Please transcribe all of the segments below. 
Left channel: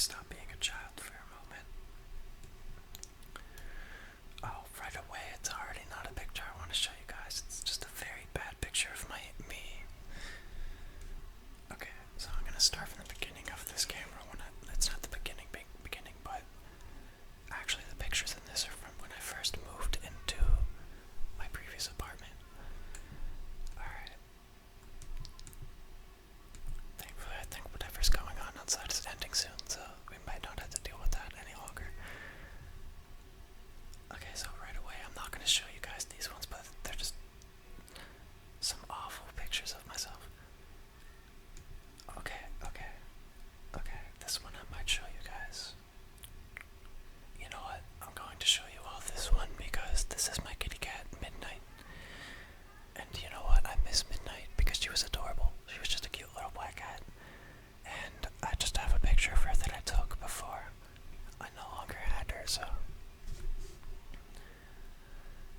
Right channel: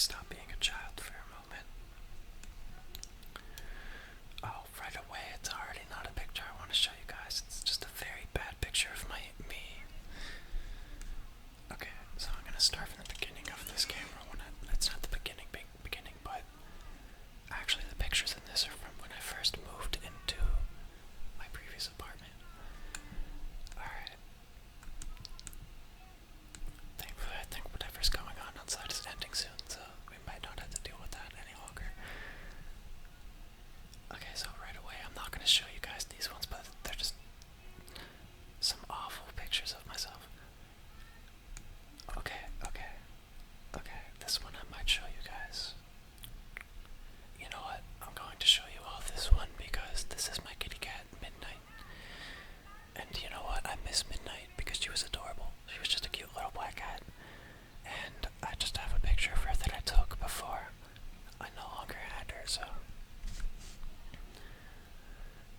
stop being a child for a moment. Oh, right away, it's already not a picture I want to show you guys. It's just a very bad picture of me. Okay, so I'm gonna start from the beginning of this camera. It's not the beginning, but actually the pictures in this are from when I first moved into my previous apartment. Alright. Thankfully, I think whatever's going on outside is ending soon, so we might not have to deal with that any longer. Okay, so right away, I'm not going to show you guys these ones, but they're just some awful pictures of myself. Okay, this one I might show you guys. You know what? I'm going to show you all this one because this is my kitty cat, Midnight. And you know what? I miss Midnight because she was adorable. She was just a cute little black cat. And I just have a picture of her that I took before I no longer had her, so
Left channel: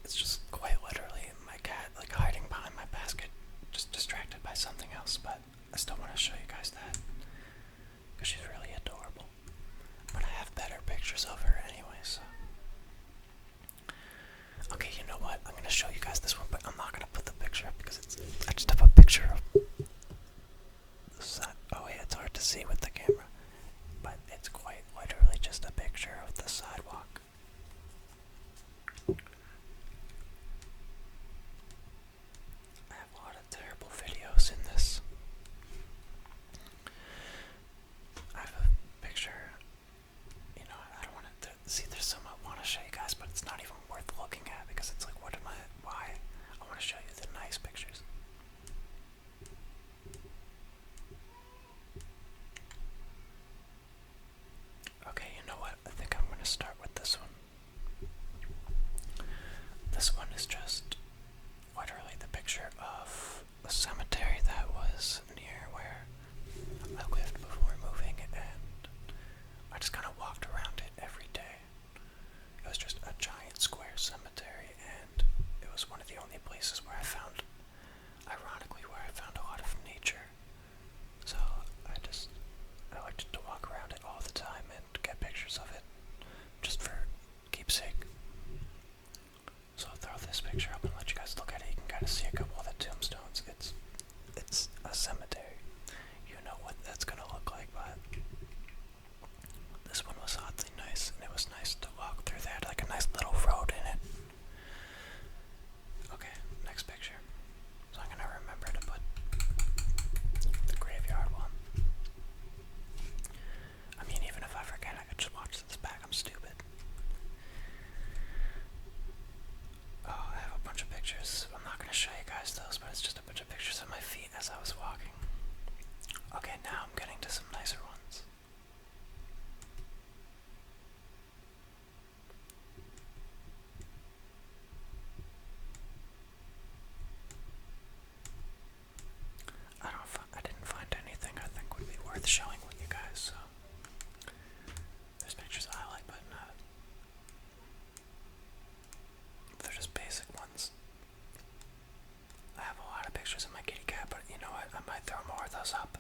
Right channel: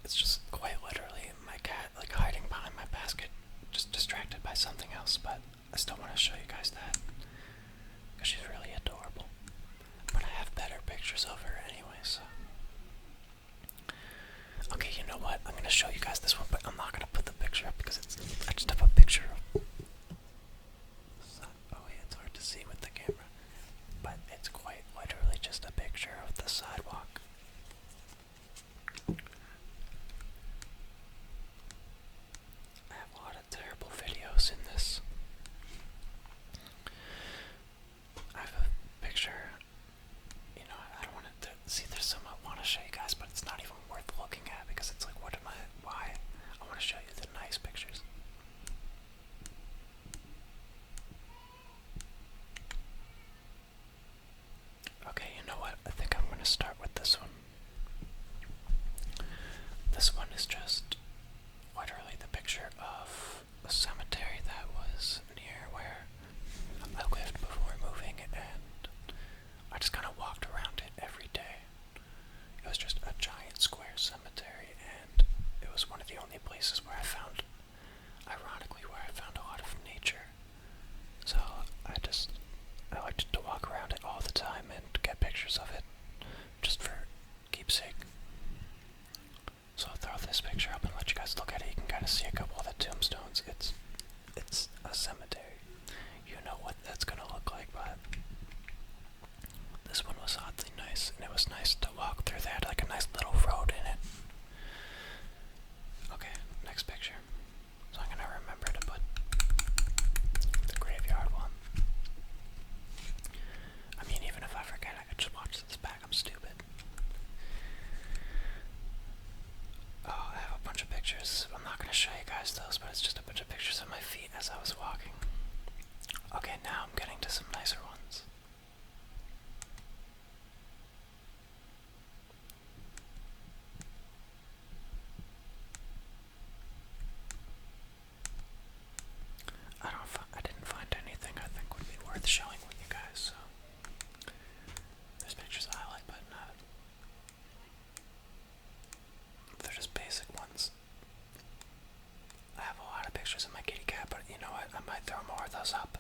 it's just quite literally my cat like hiding behind my basket, just distracted by something else, but I still want to show you guys that because she's really adorable. But I have better pictures of her anyway, so. Okay, you know what? I'm going to show you guys this one, but I'm not going to put the picture up because I just have a picture of. Oh yeah, it's hard to see with the camera, but it's quite literally just a picture of the sidewalk. I have a lot of terrible videos in this. I have a picture, you know, I don't want to see, there's some I want to show you guys, but it's not even worth looking at because it's like, why? I want to show you the nice pictures. Okay, you know what? I think I'm going to start with this one. This one is just literally the picture of a cemetery that was near where I lived before moving, and I just kind of walked around it every day. It was just a giant square cemetery, and it was one of the only places where I found, ironically, where I found a lot of nature. So I liked to walk around it all the time and get pictures of it, just for keepsake. So I'll throw this picture up and let you guys look at it. You can kind of see a couple of the tombstones. It's a cemetery. You know what that's gonna look like, but this one was oddly nice, and it was nice to walk through. They had like a nice little road in it. Okay, next picture. So I'm gonna remember to put the graveyard one. I mean, even if I forget, I could just watch this back. I'm stupid. Oh, I have a bunch of pictures. I'm not gonna show you guys those, but it's just a bunch of pictures of my feet as I was walking. Okay, now I'm getting to some nicer ones. I didn't find anything I think would be worth showing with you guys, so there's pictures I like, but they're just basic ones. I have a lot of pictures of my kitty cat, but you know what? I might throw more of those up.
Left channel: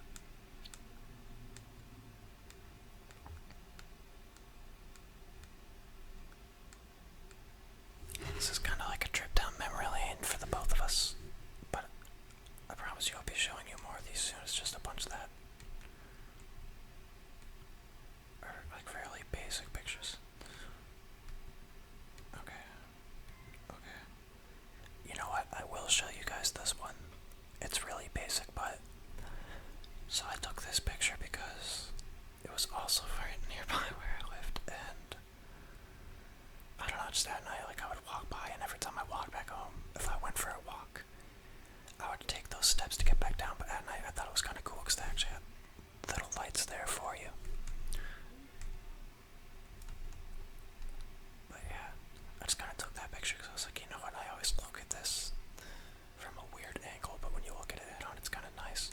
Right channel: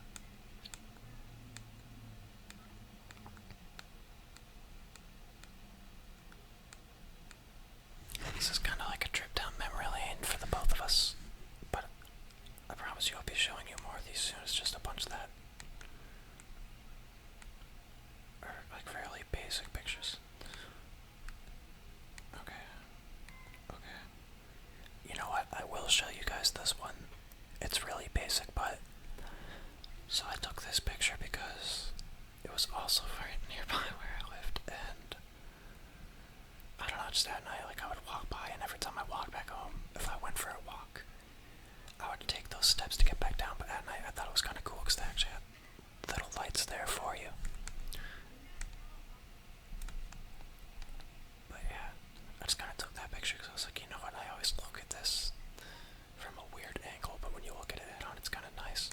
This is kind of like a trip down memory lane for the both of us, but I promise you I'll be showing you more of these soon. It's just a bunch that are like fairly basic pictures. Okay. You know what? I will show you guys this one. It's really basic, but so I took this picture because it was also right nearby where I lived, and I don't know, just at night, like I would walk by, and every time I walked back home, if I went for a walk, I would take those steps to get back down, but at night I thought it was kind of cool because they actually had little lights there for you. But yeah, I just kind of took that picture because I was like, you know what, I always look at this from a weird angle, but when you look at it head on, it's kind of nice.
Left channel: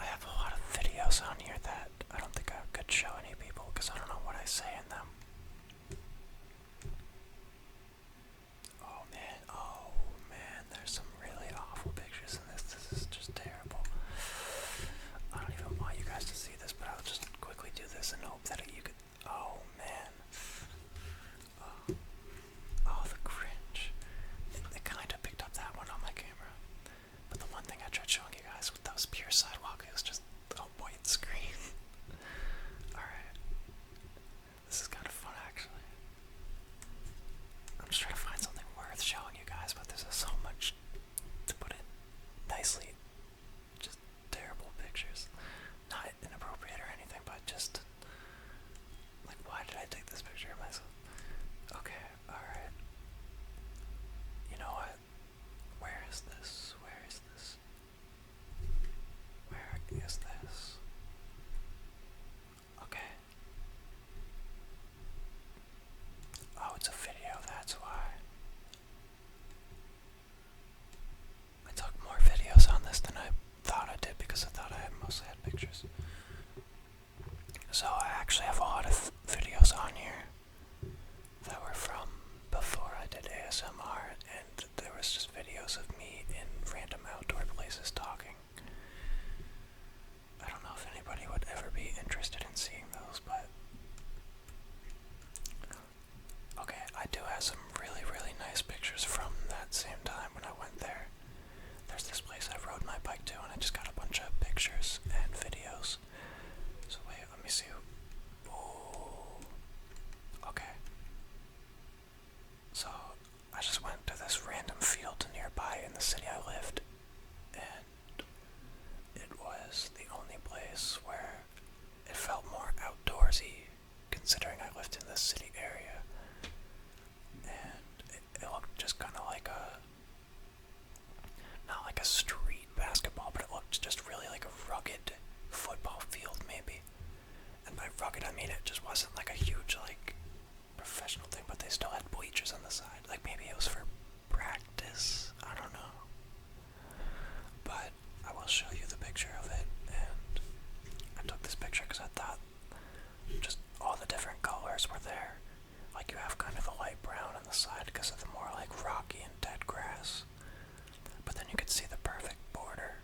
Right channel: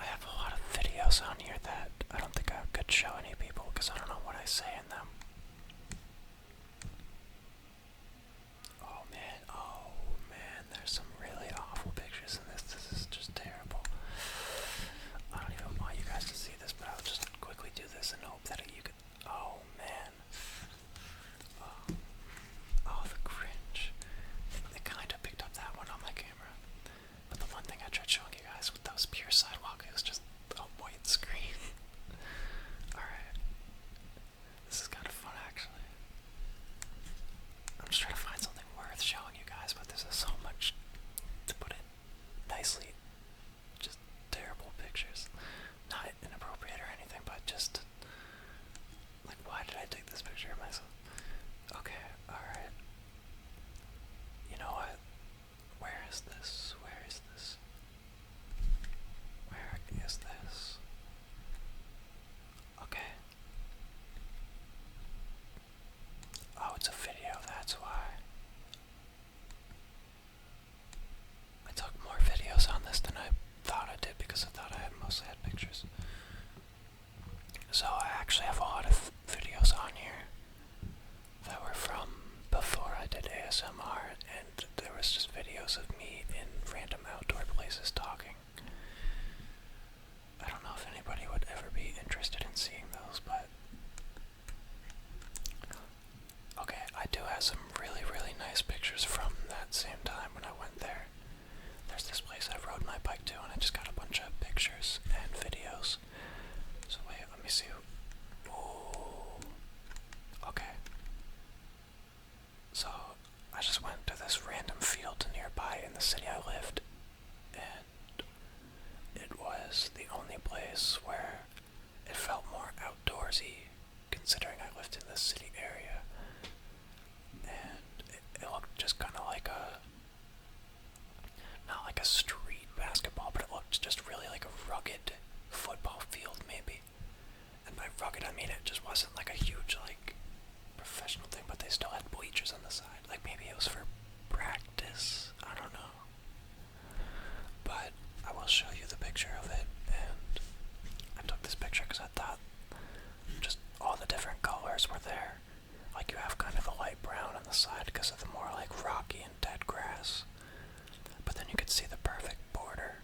I have a lot of videos on here that I don't think I could show any people because I don't know what I say in them. Oh man, there's some really awful pictures in this. This is just faces talking. I don't know if anybody would ever be interested in seeing those, but okay, I do have some really, really nice pictures from that same time when I went there. There's this place I rode my bike to, and I just got a bunch of pictures and videos. So wait, let me see. Ooh. Okay. So I just went to this random field nearby in the city I lived, and it was the only place where it felt more outdoorsy, considering I lived in this city area. And it looked just kind of like not like a street basketball, but it looked just really like a rugged football field maybe. And by rugged I mean it just wasn't like a huge like professional thing, but they still had bleachers on the side. Like maybe it was for practice, I don't know. But I will show you the picture of it, and I took this picture because I thought just all the different colors were there. Like you have kind of the light brown on the side because of the more like rocky and dead grass. But then you could see the perfect border.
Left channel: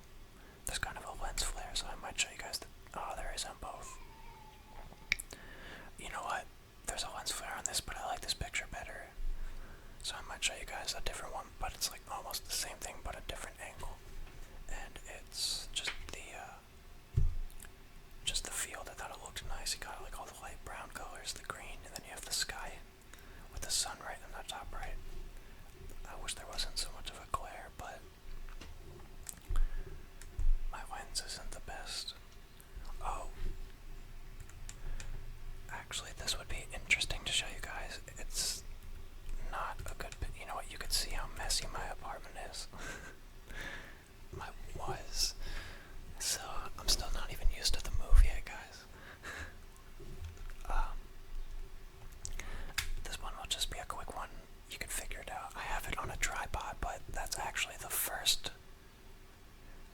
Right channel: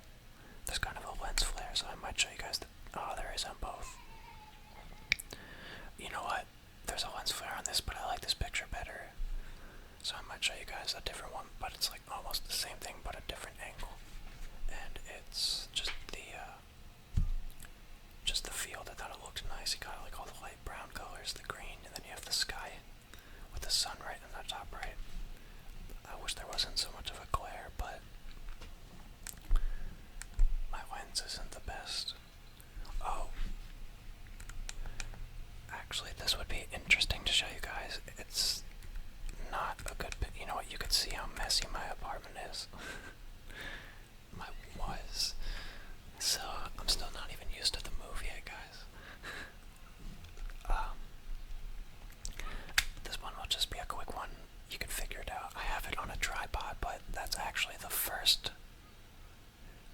There's kind of a lens flare, so I might show you guys there is on both. You know what? There's a lens flare on this, but I like this picture better. So I might show you guys a different one, but it's like almost the same thing, but a different angle. And it's just the field. I thought it looked nice. You got like all the light brown colors, the green, and then you have the sky with the sun right in the top right. I wish there wasn't so much of a glare, but my lens isn't the best. Oh. Actually, this would be interesting to show you guys. It's not a good bit. You know what? You could see how messy my apartment is. Was. So, I'm still not even used to the move yet, guys. This one will just be a quick one. You can figure it out. I have it on a tripod, but that's actually the first.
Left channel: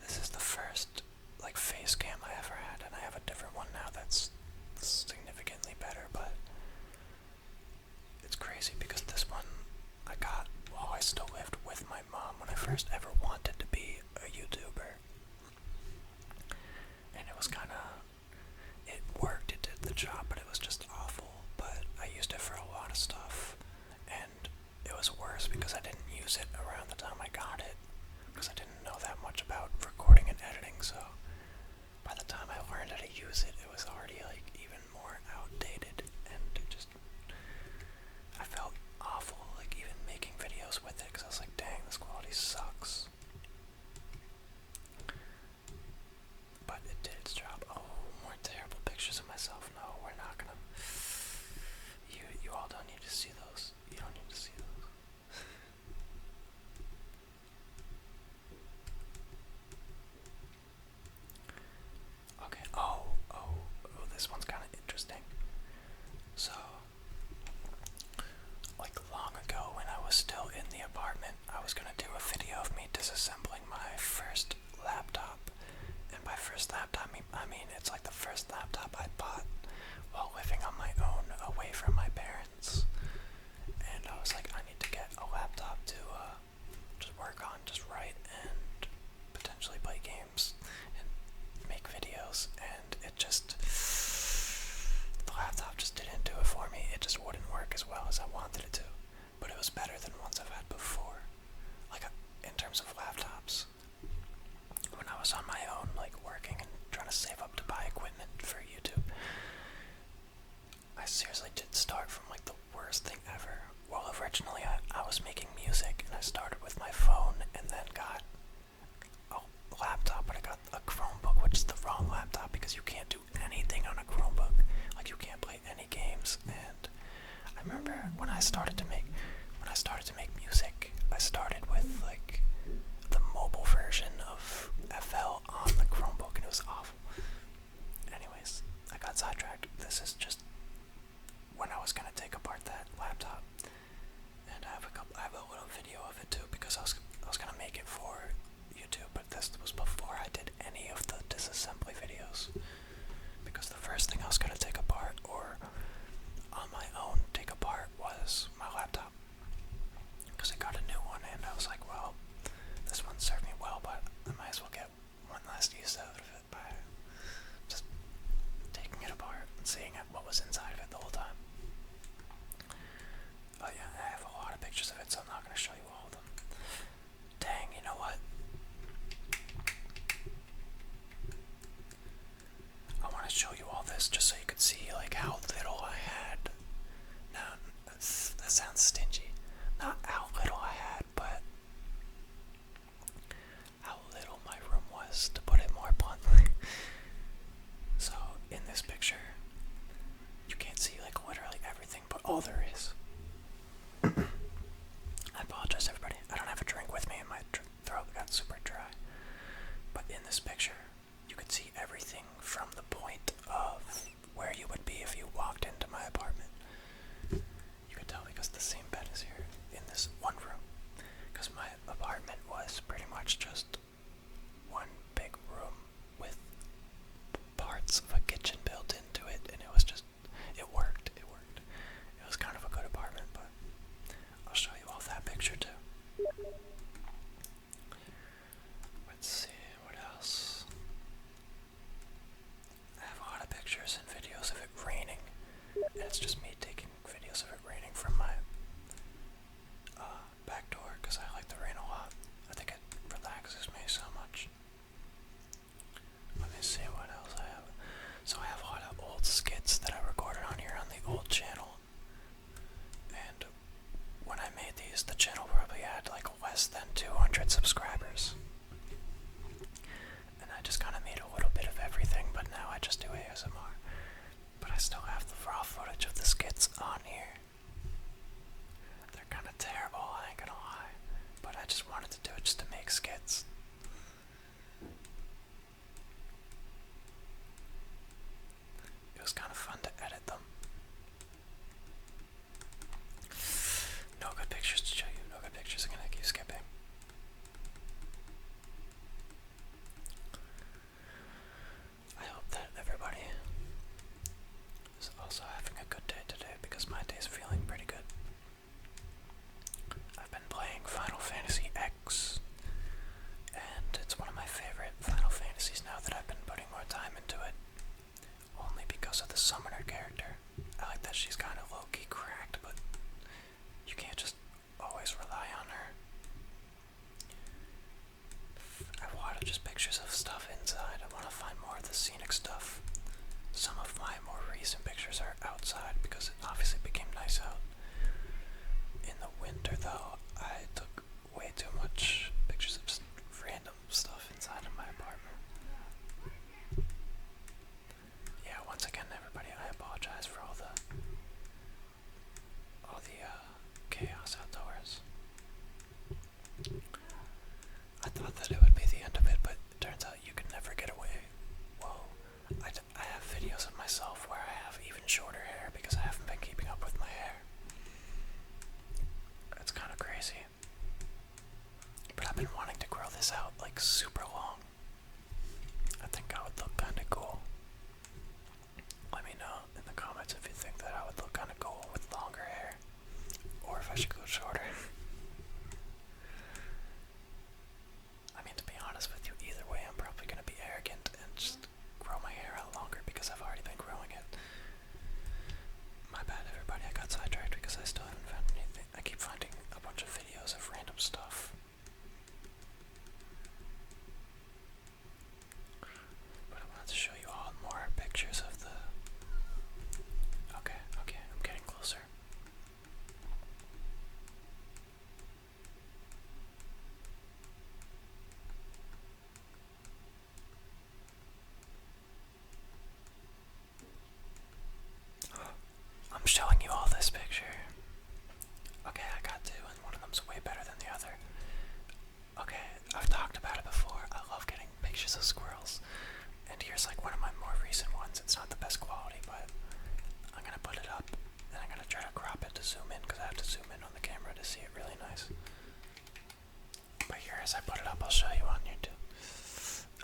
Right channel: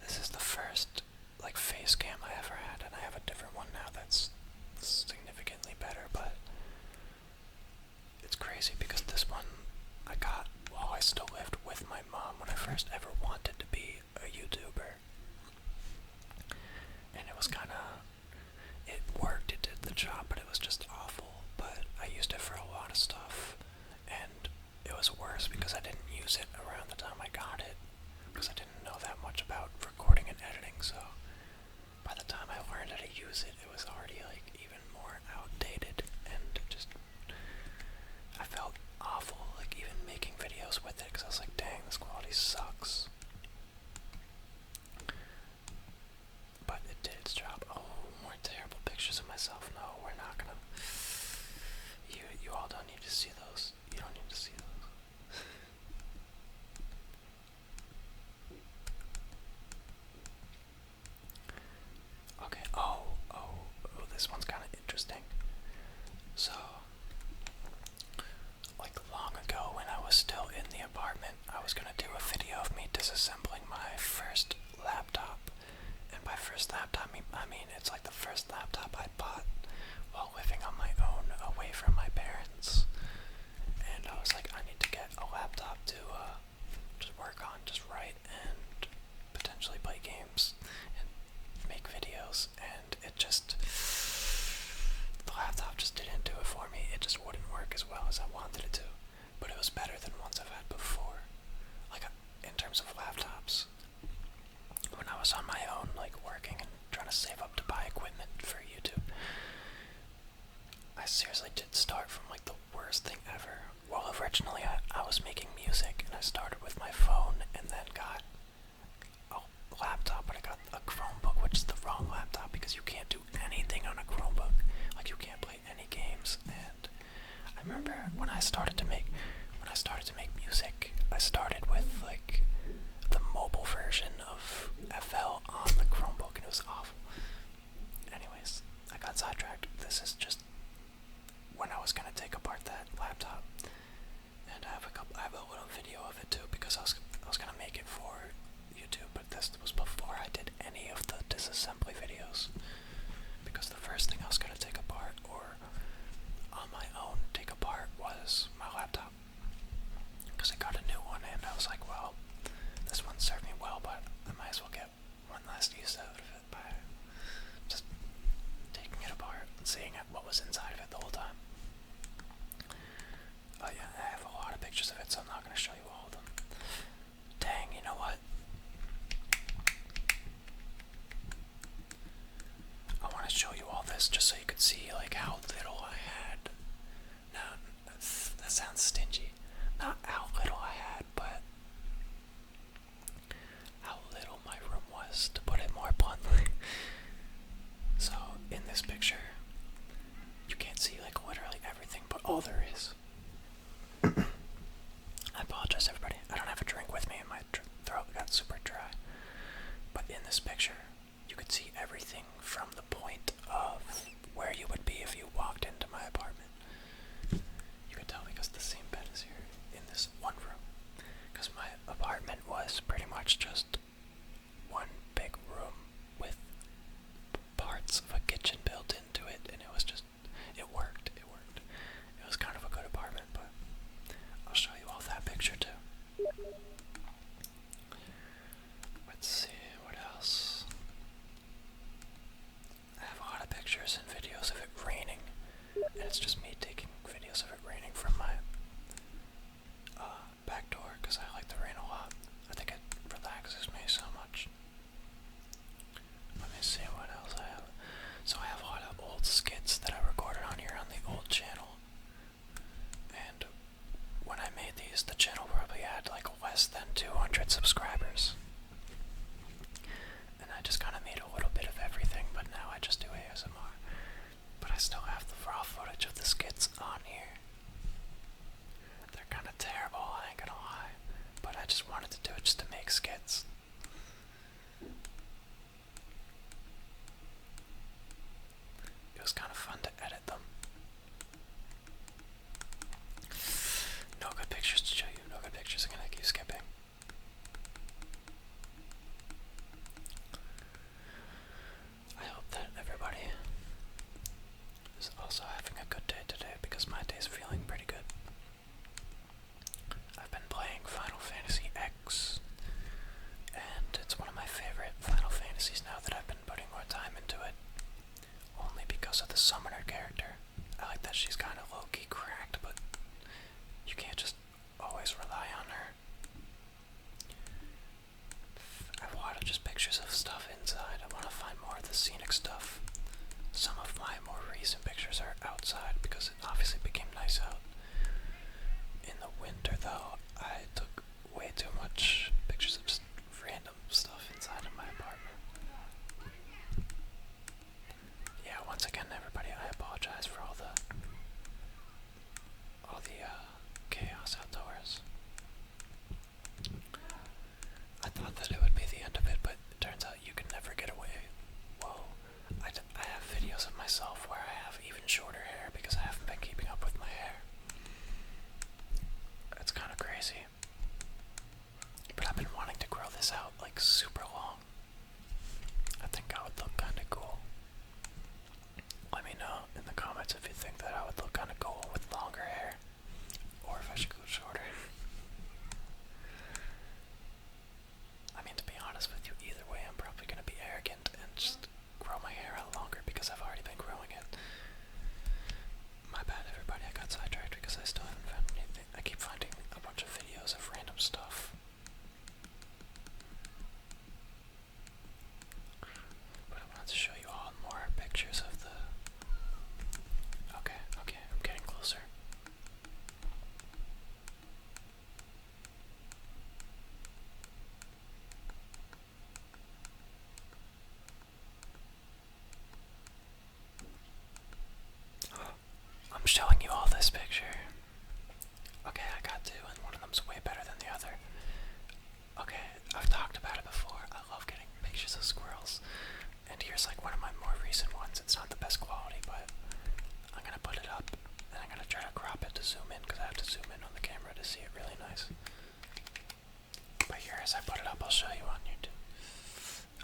This is the first, like, face cam I ever had, and I have a different one now that's significantly better, but it's crazy because this one I got while I still lived with my mom when I first ever wanted to be a YouTuber. And it was it worked, it did the job, but it was just awful. But I used it for a lot of stuff, and it was worse because I didn't use it around the time I got it, because I didn't know that much about recording and editing, so by the time I learned how to use it, it was already like even more outdated, and I felt awful, like even making videos with it, because I was like, dang, this quality sucks. But it did its job. Oh, more terrible pictures of myself. No, we're not gonna. You all don't need to see those. You don't need to see those. Okay. Oh, this one's kind of interesting. So, like long ago when I was still in the apartment, I was gonna do a video of me disassembling my first laptop. And by first laptop, I mean it's like the first laptop I bought while living on my own, away from my parents. And I was like, I need to get a laptop to just work on, just write, and potentially play games and make videos. And the laptop just didn't do it for me. It just wouldn't work as well as I wanted it to. But it was better than ones I've had before. Like, in terms of laptops. When I was on my own, like working and trying to save up to buy equipment for YouTube, I seriously did start from like the worst thing ever. Well, originally I was making music, and I started with my phone and then got a laptop, but I got a Chromebook, which is the wrong laptop because you can't do anything on a Chromebook. Like you can't play any games. And I remember when I started to make music, I started with like the mobile version of FL on the Chromebook, and it was awful. Anyways, I got sidetracked. This is just when I was gonna take apart that laptop, and I have a little video of it too, because I was gonna make it for this picture, you could see everything from the point of where you would be if you walked into my apartment. You could tell because the same bed is here in this one room. Because my apartment was pretty much just one big room with parts of a kitchen built into it, and it was just, it worked. It was kind of a good apartment, but I'll show you all that picture too. Let's see, what else? I have a lot of pictures and videos of it raining, and it's just me taking videos of it raining from my back door, because I like the rain a lot. I think it relaxes me so much. Let me see what else I have. So I have a lot of old skits that I recorded on here on the old channel, and when I made these, the channel probably had like less than 200 subscribers. And I just kind of made a little bit of everything, but now I just do ASMR. But I still have the raw footage of the skits on here. They're kind of terrible, I ain't gonna lie. But I just wanted to do it just to make skits. It was kind of fun to edit them. No good pictures to show you, no good pictures, I'm gonna keep skipping. I hope that everybody is also having a good day today, because my day's feeling pretty good. I've been playing Final Fantasy X, and it's one of my favorite Final Fantasies now that I've been putting more time into it, only because of the summoner character. I like that she's kind of low-key cracked, but you can't just always rely on her. I have a lot of just pictures of stuff inside. I want to find more of the scenic stuff. Some of my more recent pictures are outside because it obviously became nice out. In the winter though, I took way too much pictures of just random stuff inside of my apartment. Yeah, once again everybody, I apologize for all the chaos outdoors. I thought that it would be the end of it, but it turns out you can never get away. Whoa. I have videos of myself where I have even shorter hair because I haven't been keeping up with my hair. It's kind of crazy. But I've been wanting to grow this out like super long. I think I would look kind of cool. Let me know in the comments if you think that I would look kind of cool with longer hair, or if I should go shorter. I mean, to be honest with you, either way I'm probably going to be arrogant and just grow my hair out longer because I've already been growing it. My bad everybody, I got sidetracked because I still haven't found anything. I keep finding a bunch of videos of random stuff. But I wanted to show you all more pictures of the... Okay, I'm getting closer. I'm showing you all this picture. Okay, I got two, and one of them's way better than the other. Okay, I've talked about it before. I love getting pictures of squirrels. And here's like one of my more recent ones. It's not the best quality, but I'm gonna put it up, and I'm gonna try to crop it to zoom in, because I have to zoom in on the camera to see it really nice. But here, as I put it up, I'll show you on YouTube.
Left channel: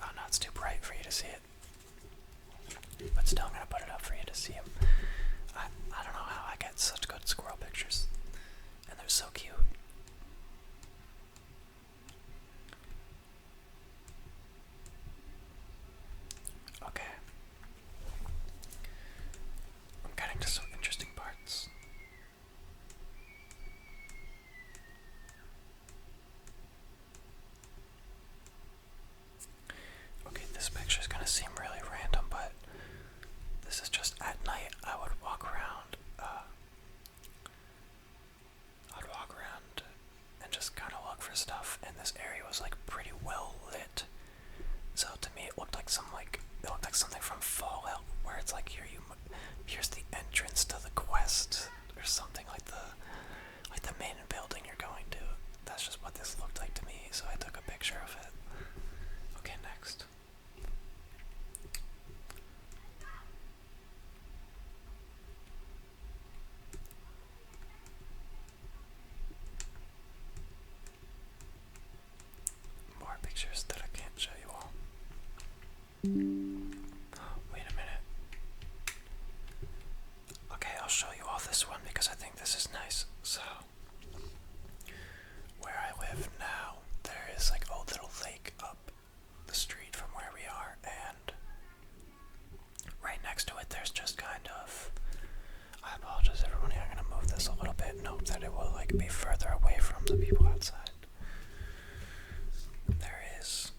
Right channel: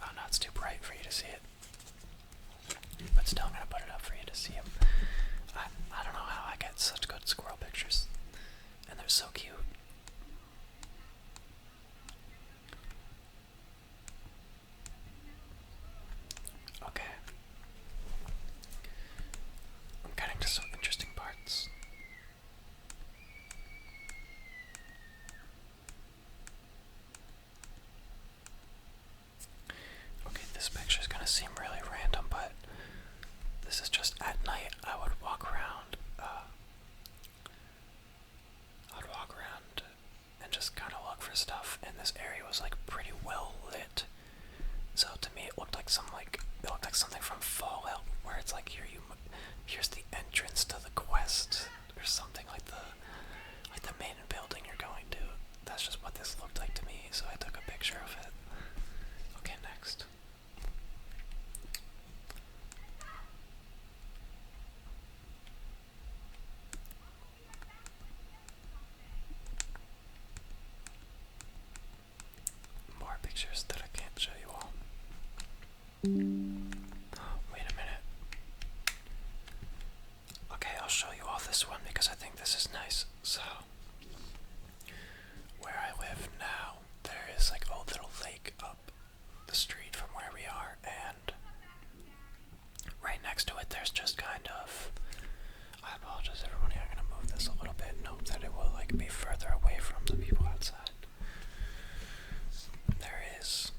Oh no, it's too bright for you to see it. But still, I'm gonna put it up for you to see them. I don't know how I get such good squirrel pictures. And they're so cute. Okay. I'm getting to some interesting parts. Okay, this picture is gonna seem really random, but this is just at night. I would walk around. And just kind of look for stuff, and this area was like pretty well lit. So to me, it looked like something from Fallout, where it's like here's the entrance to the quest, or something like the main building you're going to. That's just what this looked like to me, so I took a picture of it. Okay, next. Wait a minute. Okay, I'll show you all this one because I think this is nice. So, where I live now, there is like a little lake up the street from where we are, and right next to it there's just kind of, I apologize everyone, I'm gonna move this a little bit, note that it will like be further away from the people outside. There is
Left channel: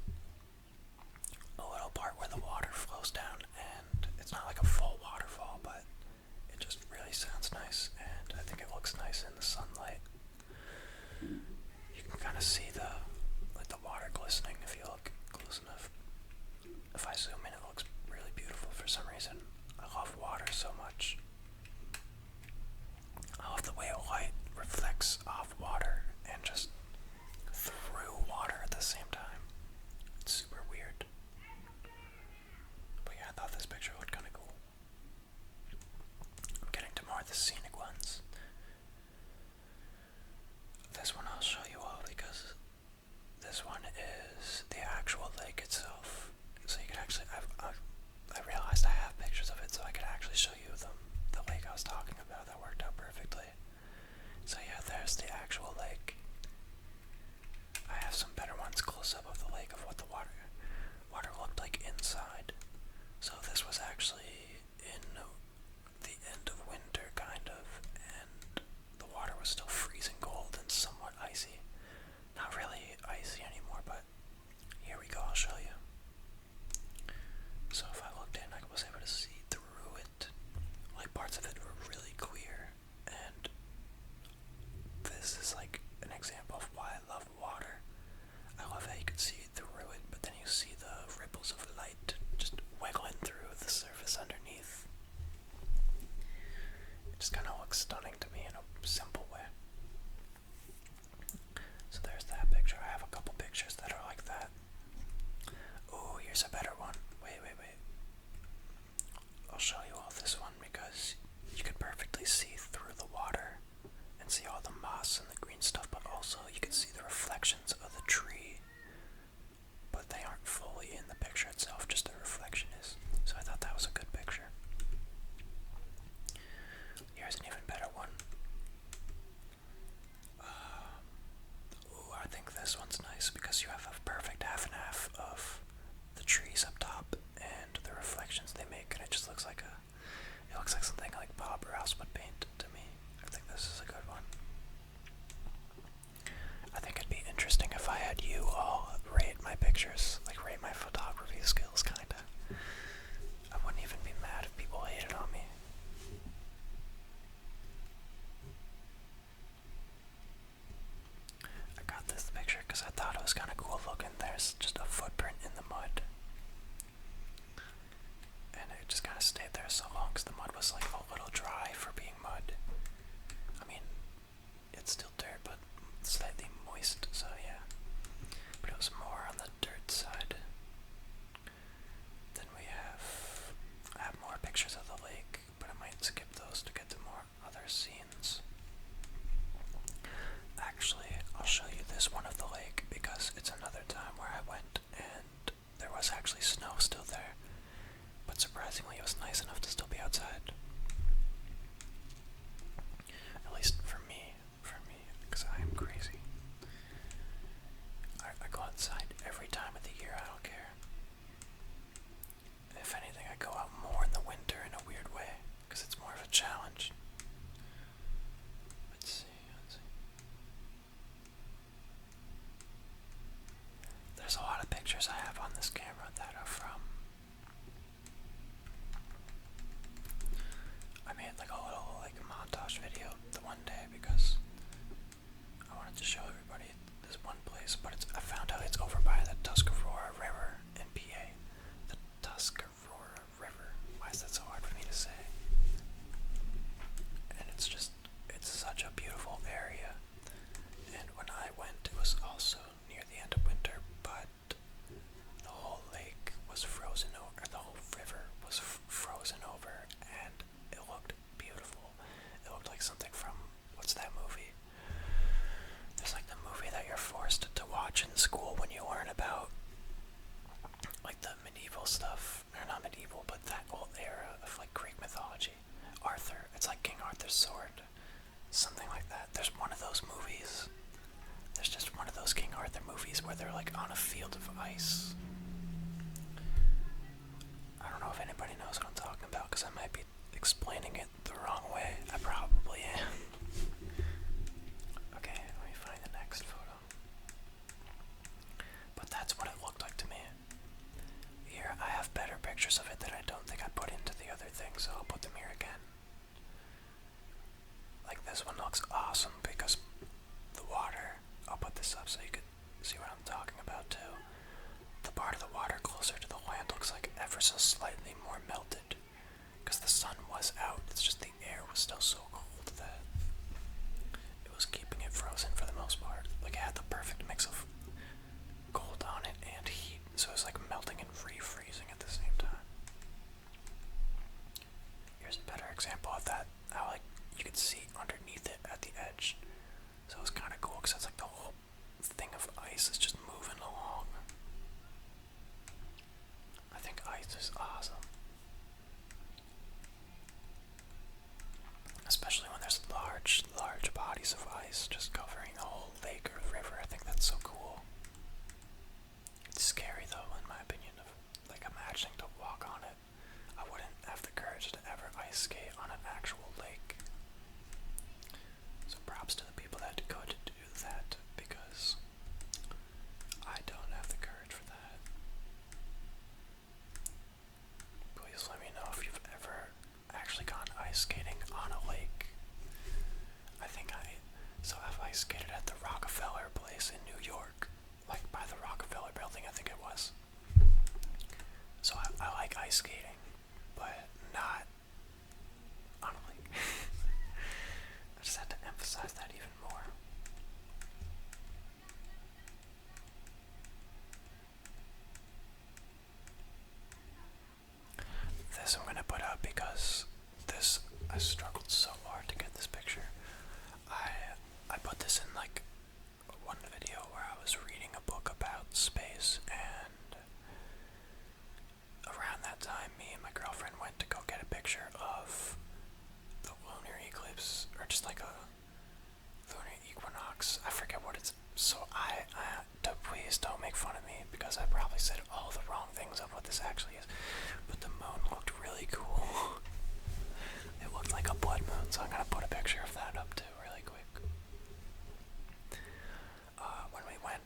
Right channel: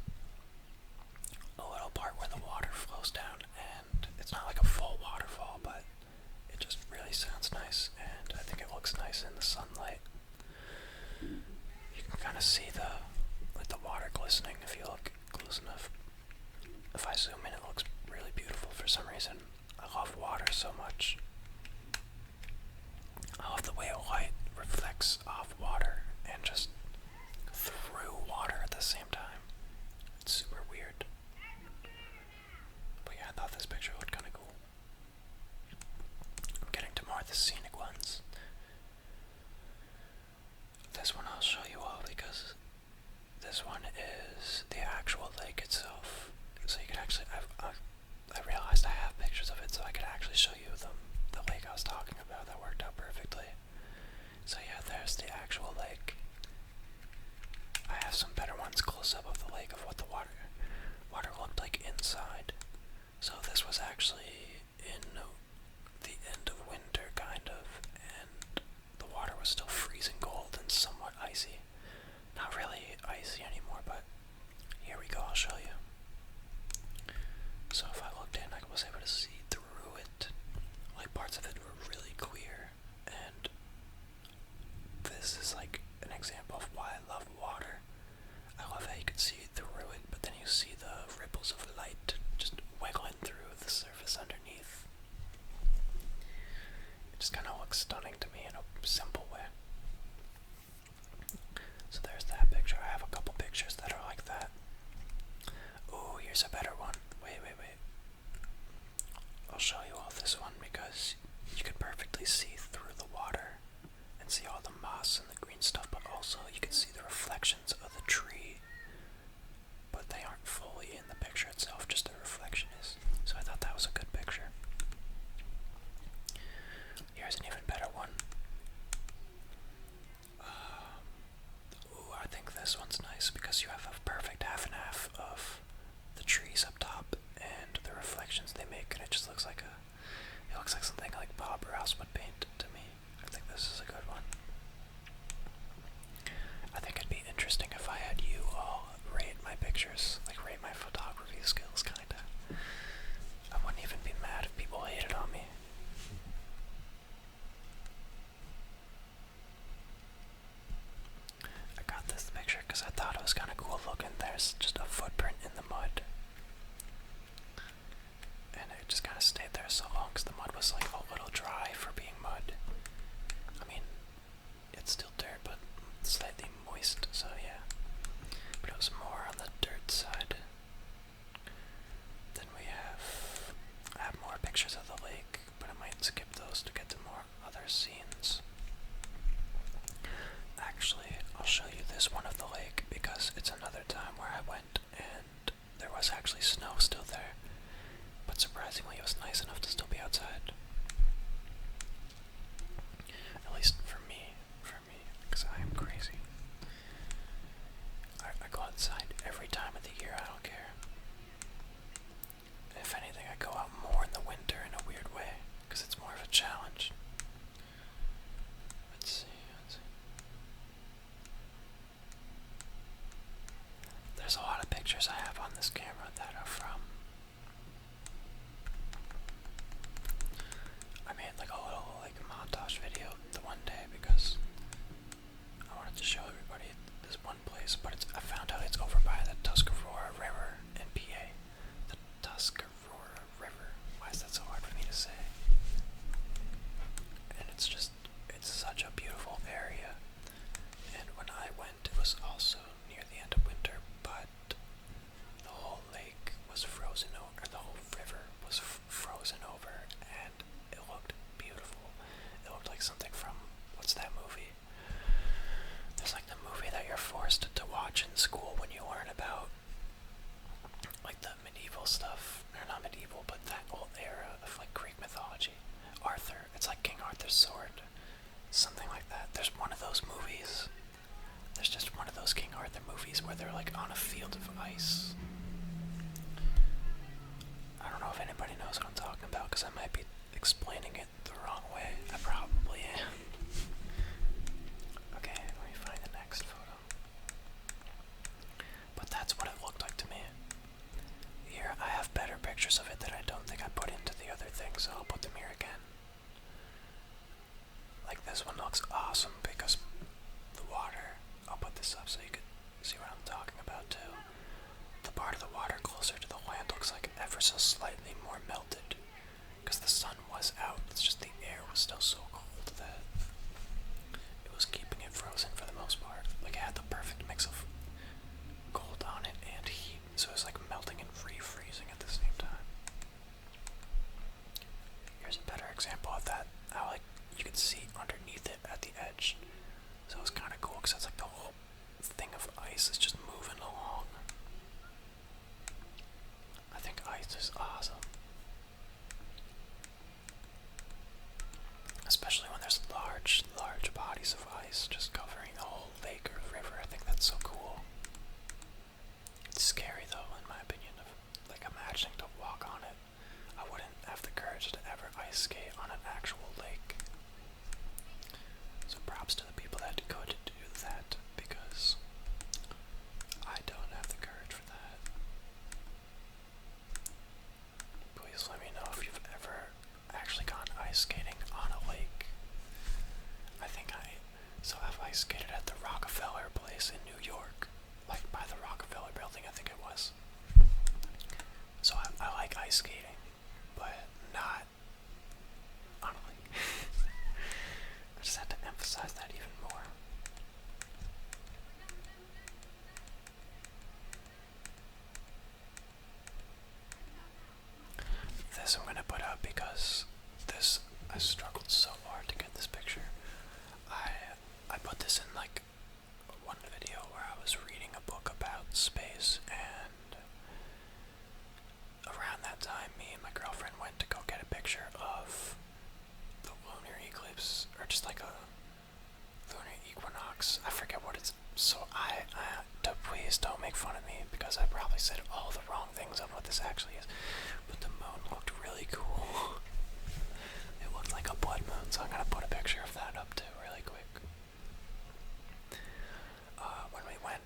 a little part where the water flows down, and it's not like a full waterfall, but it just really sounds nice, and I think it looks nice in the sunlight. You can kind of see the water glistening if you look close enough. If I zoom in, it looks really beautiful for some reason. I love water so much. I love the way light reflects off water and just through water at the same time. It's super weird. But yeah, I thought this picture looked kind of cool. I'm getting to more of the scenic ones. This one I'll show you all because this one is the actual lake itself. So you could actually, I realized I have pictures of it so I could actually show you the lake I was talking about. That worked out perfectly. So yeah, there's the actual lake. I have some better ones close up of the lake of what the water looked like inside. So this was actually in the end of winter, kind of, and the water was still freezing cold and somewhat icy. Not really icy anymore, but here we go, I'll show you. So if I looked in, I was able to see through it. Like parts of it were really clear, and this is like an example of why I love water. I love how you can see through it, but then you see the ripples of light just wiggling through the surface underneath. It just kind of looks stunning to me in a simple way. So there's that picture. I have a couple pictures that are like that. Ooh, here's a better one. Wait. I'll show you all this one because you could perfectly see through the water and see all the moss and the green stuff, but also you can see the reflections of the tree. But they aren't fully in the picture itself, just the reflection is. So I thought that was a good picture. Here's an even better one. Ooh, I think this one's nice because you have a perfect half and half of the trees up top and the reflections they make, and it just looks like it looks like something like Bob Rouse would paint to me. I think this is a good one. I think it'd be interesting if I had you all rate my pictures, like rate my photography skills, kinda. I wouldn't even be mad if people hated on me. I got this picture because I thought it was kind of cool looking. There's just a footprint in the mud. And it just kind of stayed there so long because the mud was like a little dry for being mud. I mean, it's still dirt, but slightly moist, so yeah. But it was more on the dirt side. Then I have more pictures of the lake, but I might skip those to get to more other scenes. Actually, I'll show you this one of the lake because it's another time where I went and there was actually snow still there. But surprisingly, it was nice enough to still be outside. At least for me, because I am crazy. I go outside every time of the year, I don't care. If anything, I go out more in the winter in a weird way, because it's more of a challenge. Let's see. There's a lot of pictures I have on this camera that are from, I made like a little montage video the one day because I wanted to show everybody this one place, but I found out it's over by the Tuscarora River in PA. The Tuscarora River. Why is that so hard for me to say? And it's such a beautiful area. And when I went, it was also near the end of winter, but the whole lake was frozen over, the whole river was frozen over, and it looked beautiful. It looked like something from, what's that movie? There's like the movie that you're forced to watch in school when you learn about sword. Something like that. There's one of those movies. There's just one of those King Arthur movies where they're like on a field of ice. I don't know if anybody knows what I'm talking about because I might be explaining it the wrong way. I probably am. Okay, let me find the next photo. But that's what it looked like to me. Here, I have better pictures of it that I don't think I put into the other thing, so I'll put them here again. Like this one looks awesome because the water, I'll put this up so you could see what I'm talking about too. The part of the water closer to the land looks like ever so slightly more melted because the sun was out. It's just the air was still so cold that it was keeping it frozen for the most part. Like it had the perfect mix of cold on it and heat, so it was like melting and refreezing at the same time. Here's a better example of that. How like you could see underneath it at the edge. So it was kind of cool because it's like the whole thing of ice is just moving along. I think ice is awesome. Especially when there's large bodies of ice just covering the whole lake or river. I think that's so cool. It's scary though, in my opinion, of like imagining to walk on it. I wouldn't have the courage to ever ice skate on an actual lake. So props to the people that could do that, because I don't have the courage for that. Please let me know if you've ever actually gone ice skating on a lake. I've ice skated at the Rockefeller place in New York, like by the Rockefeller building, I think it was. So I like ice skating, but not on a lake. I just had to emphasize that even more. This I'm gonna put up because I struggled so hard to get this picture. I put this in like one video where I was reading a book about space, and around that time me and my girlfriend went to go get a picture of the lunar eclipse, or just like a lunar equinox. I forget what it's. So please don't make fun of me because I probably said all the wrong things of what this actually is. But the moon looked really cool. It looked like a blood moon, so I'm gonna put a picture of that up too really quick. When we went,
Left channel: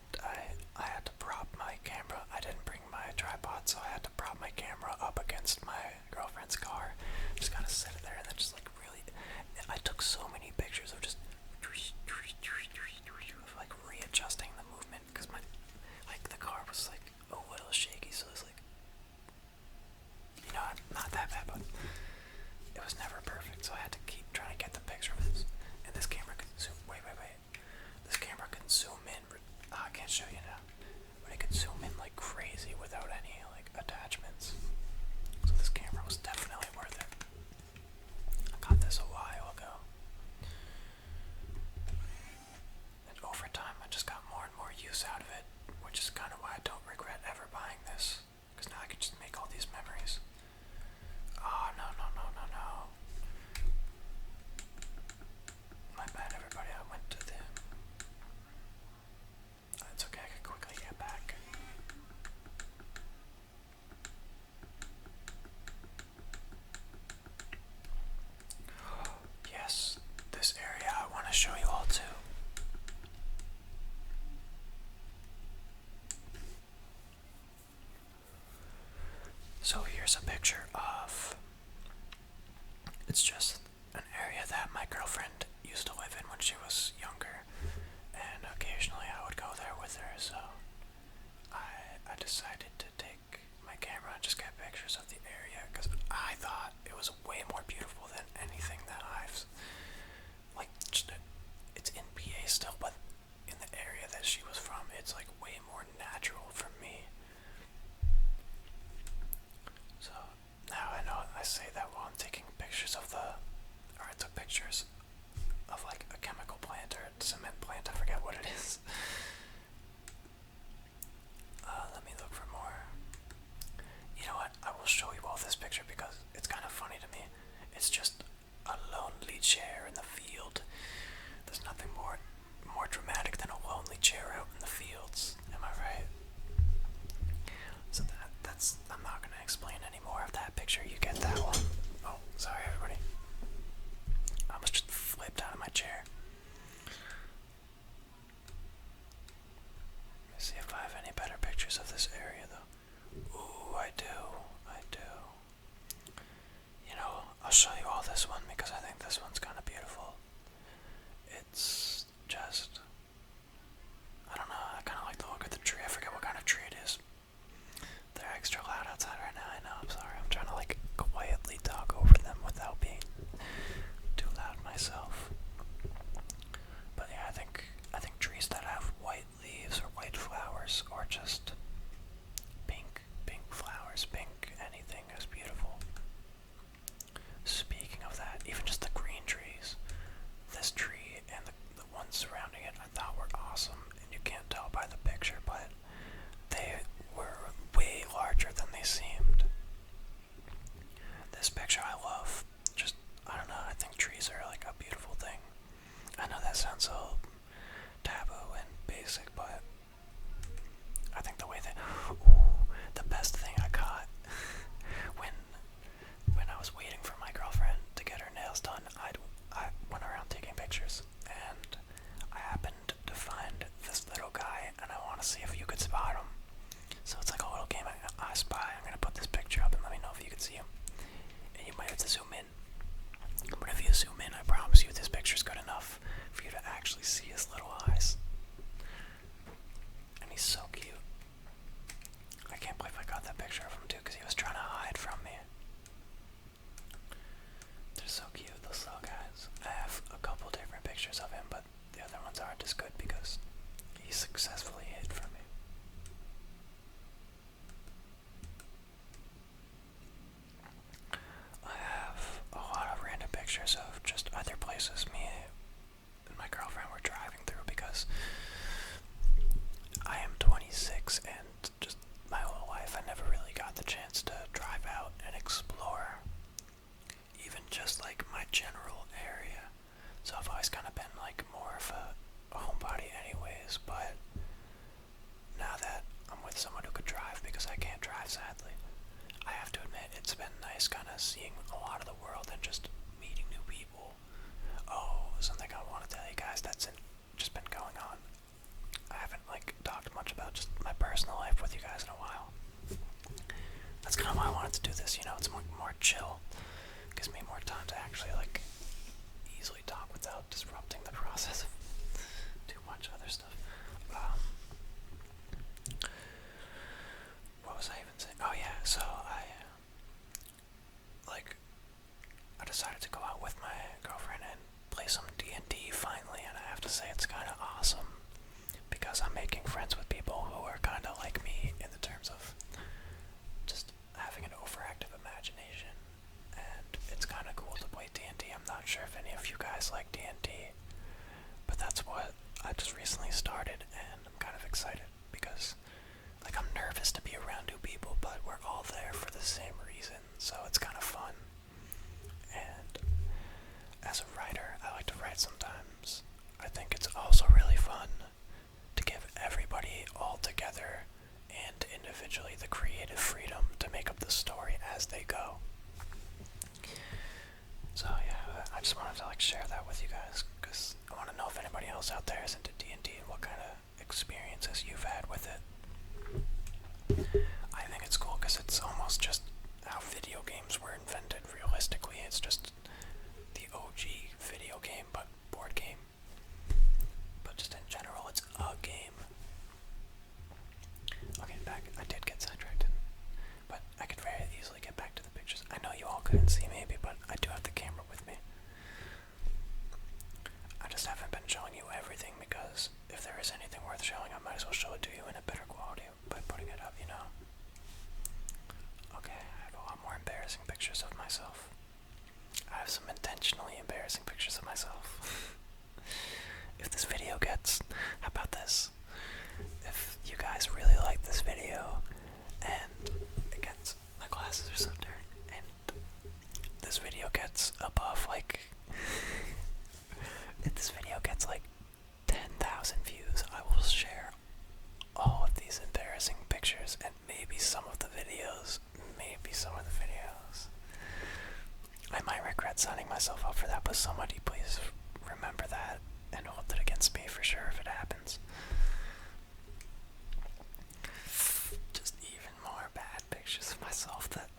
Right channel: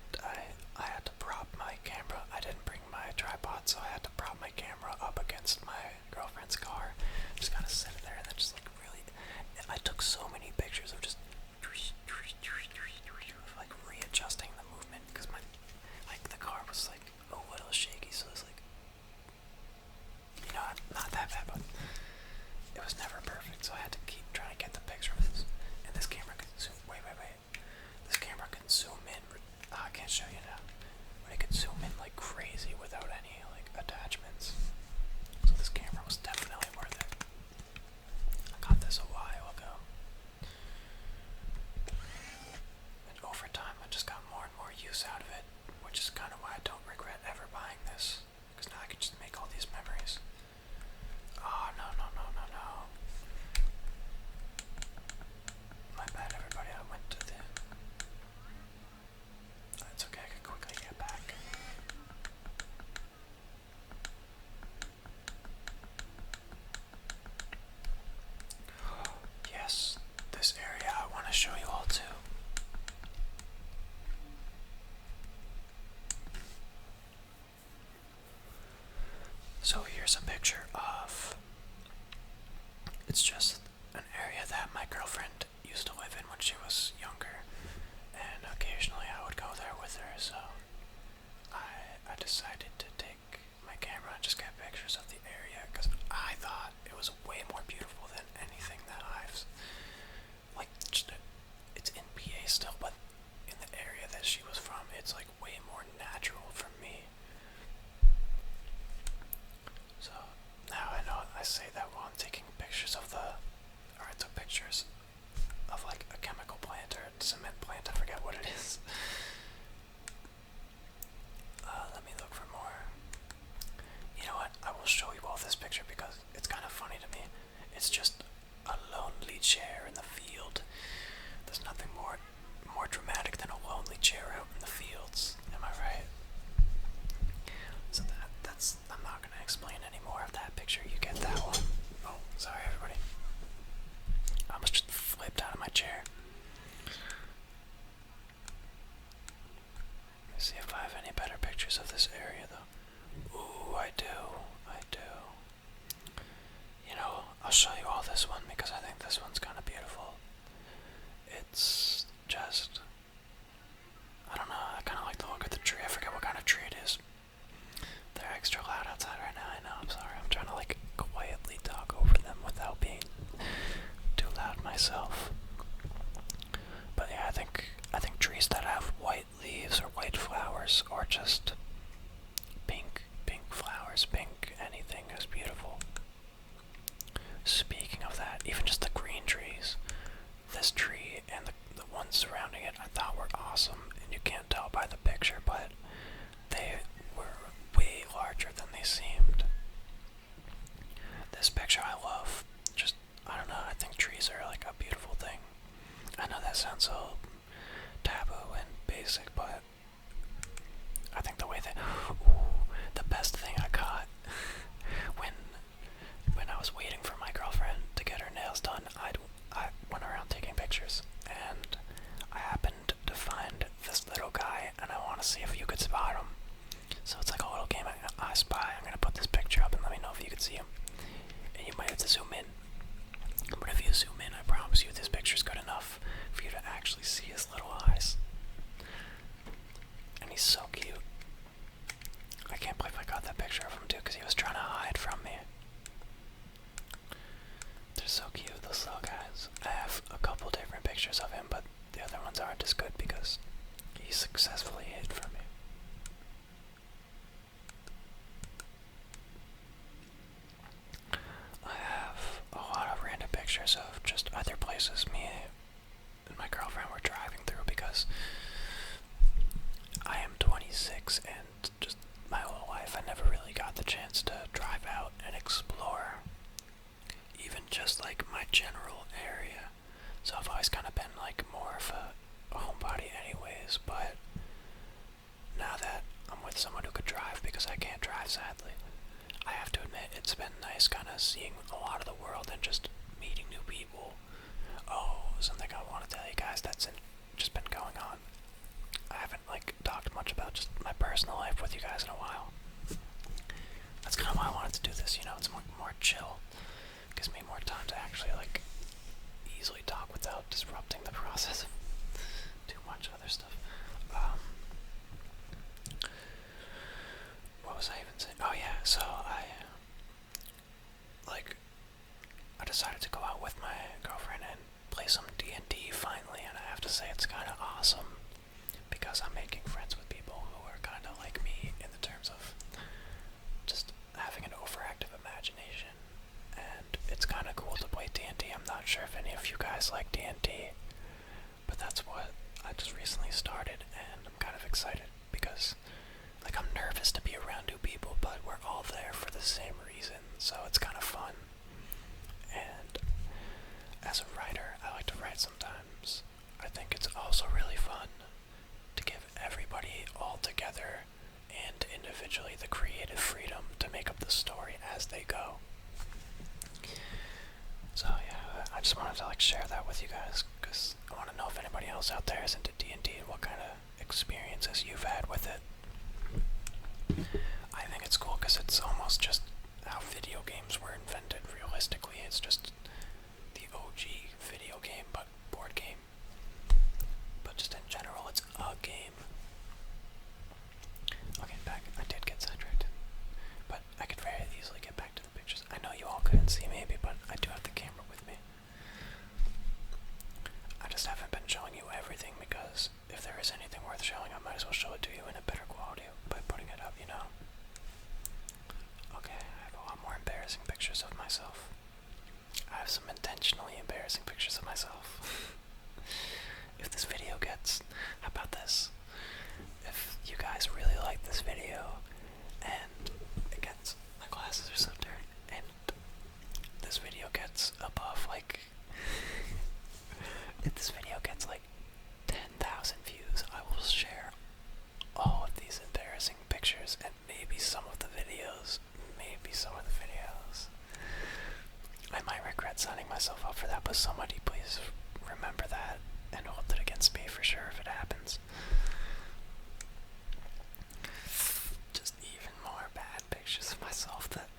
I had to prop my camera. I didn't bring my tripod, so I had to prop my camera up against my girlfriend's car. Just kind of sit it there and then just like really. I took so many pictures of just like readjusting the movement because the car was like a little shaky, so it's like, not that bad, but it was never perfect, so I had to keep trying to get the picture of this. And this camera can zoom. Wait. This camera can zoom in. I can't show you now, but it could zoom in like crazy without any like attachments. So this camera was definitely worth it. I got this a while ago, and over time I just got more and more use out of it, which is kind of why I don't regret ever buying this, because now I can just make all these memories. Oh, no. My bad, everybody. I went to the... It's okay, I can quickly get back. Yes, this area I want to show you all too. So here's a picture of, it's just an area that my girlfriend used to live in when she was younger, and occasionally I would go there with her, so I decided to take my camera and just get pictures of the area, because I thought it was way more beautiful than anything that I've, like, it's in PA still, but in the area that she was from, it's like way more natural for me. So now I know I say that while I'm taking pictures of I took pictures of like a chemical plant or a cement plant, I forget what it is. Let me look for more. You know what, I will show you all this picture because it's kind of funny to me. It's just a lonely chair in explain any more of that picture. You get that one. Oh, sorry everybody. I almost just flipped out of my chair. Let me see if I have any better pictures of this area though. Ooh, I do. I do. You know, I'll show you all this one because I think this one's kind of beautiful. It's just, I don't know, I kind of like the look of the tree. I forget what kind of tree it is. They're extra loud outside right now, I know, I'm sorry. I'm trying to like quietly talk over them without being too loud myself. But yeah, I think trees that have white leaves or white flowers or just pink flowers, pink anything is beautiful. Speaking of that, even just the green trees, this tree and the ones surrounding it I thought were awesome, and you can't tell by the picture, but they were way larger than they seemed. This picture I love. Just, I don't know, I think trees are like a beautiful thing. I know that sounds so taboo and basic, but I think the way that, the best thing I caught when I was waiting for my girlfriend to get her nails done, I went around taking pictures, and I happened to find this little guy, and I want to see if you could spot him. So it's like a little game. I spy. I'm gonna put this picture up and let me know if you can see him. And you might have to zoom in. But if you zoom in, I promise you this picture's good enough for you to actually see his little eyes. And he's so cute. I can't believe I got that picture of him too, because he was trying to hide from me. They're so cute, those little guys. I have a couple different pictures of him, but the other ones aren't as good because he successfully hid from me. I have a lot of random pictures of just other places me and my girlfriend were driving through because I am 26 and just my whole life I never really got the chance to drive out and explore even just like my general area. So I've always kind of been like more of a homebody anyways, but now that I'm with someone who could drive because I can't drive sadly, I have to admit it's been nice kind of seeing a lot of the world and just meeting new people. Oh, something I want to tell you guys that's just been going on. I haven't like talked much about just my personal life with you guys in a while. That's kind of why I wanted to do this, you know, it's more chill. Gives me more time to actually like easily talk without disrupting the process of too much other stuff. What was I even saying? Oh yeah, so I decided to go out with my girlfriend and play some D&D finally, and I have to say it's kind of awesome because I'm making friends with people who are kind of like me in the terms of just having an overactive imagination, and it's kind of cool to play D&D. I'm not sure if any of you guys like D&D, but that's what I just recently started, and I'm kind of excited because like I'm nervous to be around new people, but we're all there for the same reason, so it's kind of fun. And as a writer, I like to write sometimes. I think it's also really fun to give everybody all together and individually the creative freedom to make up the story as they go. So yeah, I just wanted to like share that with you guys because I want to know if anybody else out there is into D&D and what kind of experiences you've had with it. I think it's cool because it's almost just how video games were invented realistically. It's just the OG video game, but board game. But just in general, it's a game. Okay, back. I did get sidetracked, but I could very easily get back to the pictures. I know you all couldn't see maybe, but I do have the camera with me. I just haven't been showing you everything because if there is anything worth showing, I might as well show it to you in a better quality by putting it up, you know? Okay, I have a lot more embarrassing pictures of myself. I have some intentionally embarrassing pictures of myself. If this video gets, how about this? maybe some of the videos. Maybe some of the videos. I might regret signing myself up for that, but somebody please remember that and hold it against me for sure if it happens. Just even more bad pictures of myself that...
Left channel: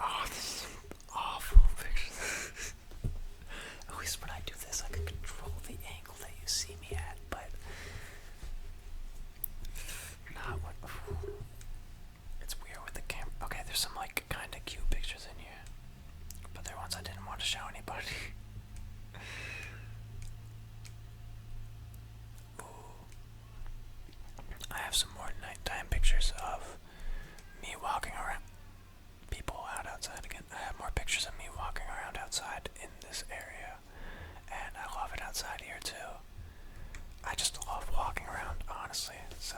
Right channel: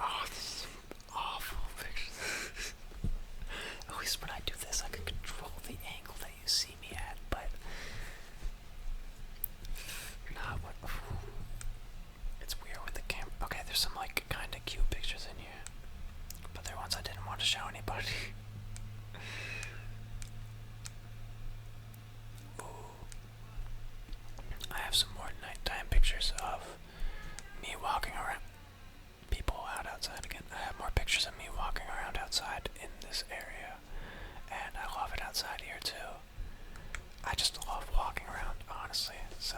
Oh, this is awful pictures. At least when I do this, I can control the angle that you see me at, but not what. It's weird with the camera. Okay, there's some like kind of cute pictures in here, but they're ones I didn't want to show anybody. Ooh. I have some more nighttime pictures of me walking around. People out outside again. I have more pictures of me walking around outside in this area, and I love it outside here too. I just love walking around, honestly, so